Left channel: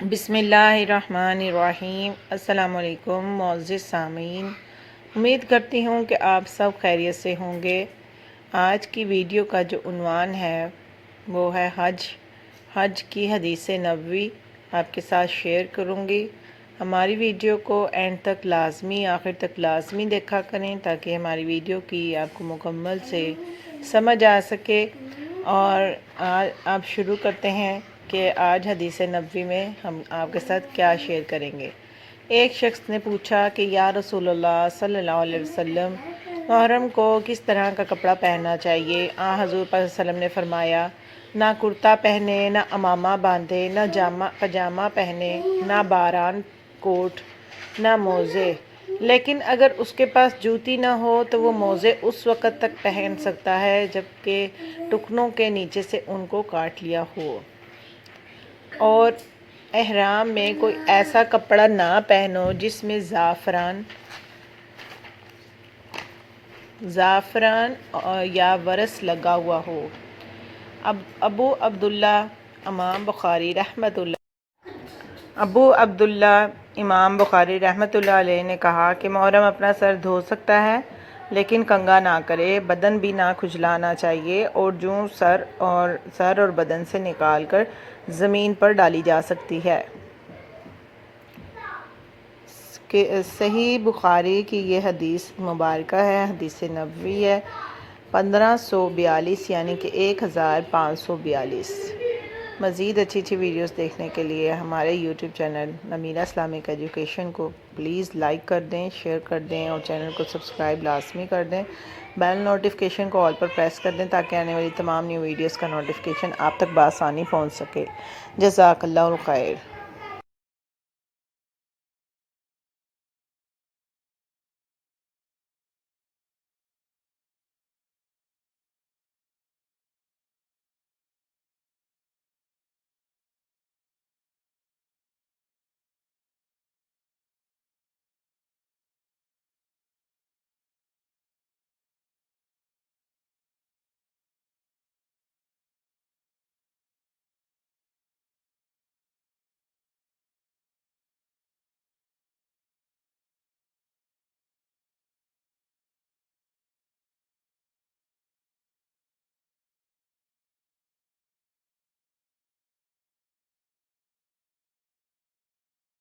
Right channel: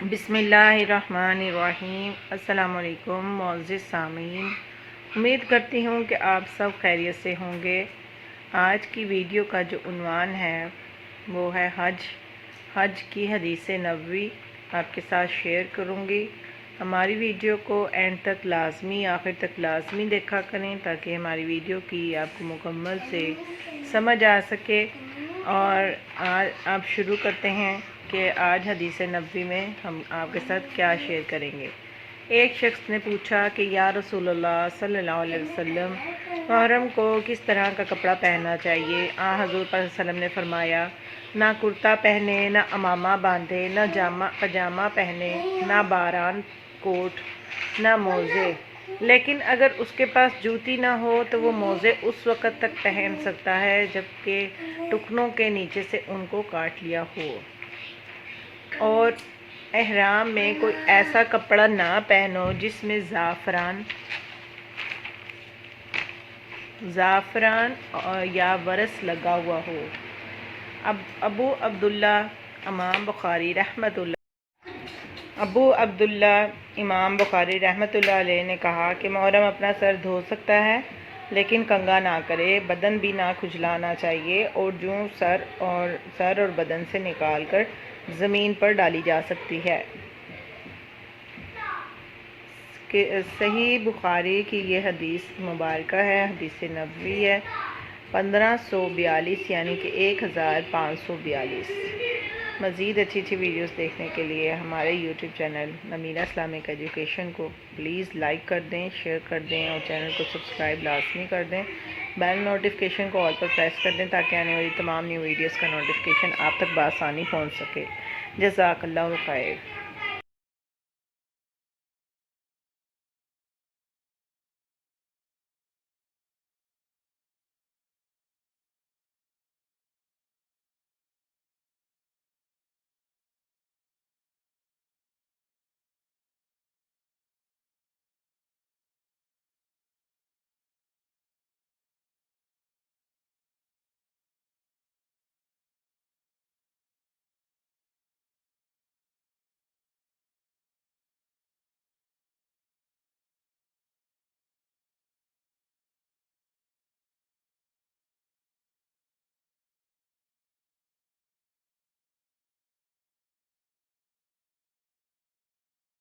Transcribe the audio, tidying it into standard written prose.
بسم اللہ الرحمن الرحیم۔ السلام علیکم معزز سامعین، امید کرتی ہوں کہ آپ سب خیریت سے ہوں گے۔ آج کی ویڈیو کا جو عنوان ہے وہ ہے حج کی حدیث نبوی آپ کے ساتھ شیئر کروں گی۔ ہماری ویڈیو کو اینڈ تک لازمی آخر تک لازمی دیکھا کریں تاکہ ہماری ویڈیو کی آپ کو مکمل سے سمجھ آ سکے۔ اور آپ شروع کرتے ہیں کہ آج حدیث نبوی میں ہم آپ کے ساتھ کیا شیئر کریں گے۔ ایک شخص نے پوچھا کہ یا رسول اللہ صلی اللہ علیہ وسلم، محرم کو کس طرح کا کپڑا پہننا چاہیے؟ حضور صلی اللہ علیہ وسلم نے فرمایا، نہ کرتا پہنے، نہ امامہ باندھے، نہ پجامہ پہنے، نہ باران کوٹ، نہ موزے، لیکن اگر اس کے پاس جوتی نہ ہو تو وہ موزے اس وقت تک پہن سکتا ہے جب کہ ٹکنوں کے نیچے سے ان کو کاٹ لیا ہو۔ اور احرام میں کوئی ایسا کپڑا نہ پہنو جس میں زعفران یا ورس لگا ہوا ہو۔ ابو عبداللہ امام بخاری رحمۃ اللہ علیہ نے کہا کہ محرم اپنا سر دھو سکتا ہے لیکن کنگھا نہ کرے، بدن بھی نہ کھجلانا چاہیے، اور جوں سر اور بدن سے نکال کر زمین پر ڈالی جا سکتی ہے۔ صحیح بخاری کی یہ حدیث مبارکہ ہے، حدیث نبوی ہے 1542 یعنی کہ 1542۔ مزید اچھی ویڈیوز دیکھنے کے لیے ہمارے YouTube channel Nimra Islamic education کو پلیز لائک کر دیں، شیئر کر دیں اور چینل کو سبسکرائب لازمی کر دیں۔ بیل نوٹیفیکیشن کو آل پر پریس کر دیں تاکہ آنے والی تمام نیو ویڈیوز کا نوٹیفیکیشن آپ تک بآسانی پہنچ سکے۔ جزاک اللہ خیر۔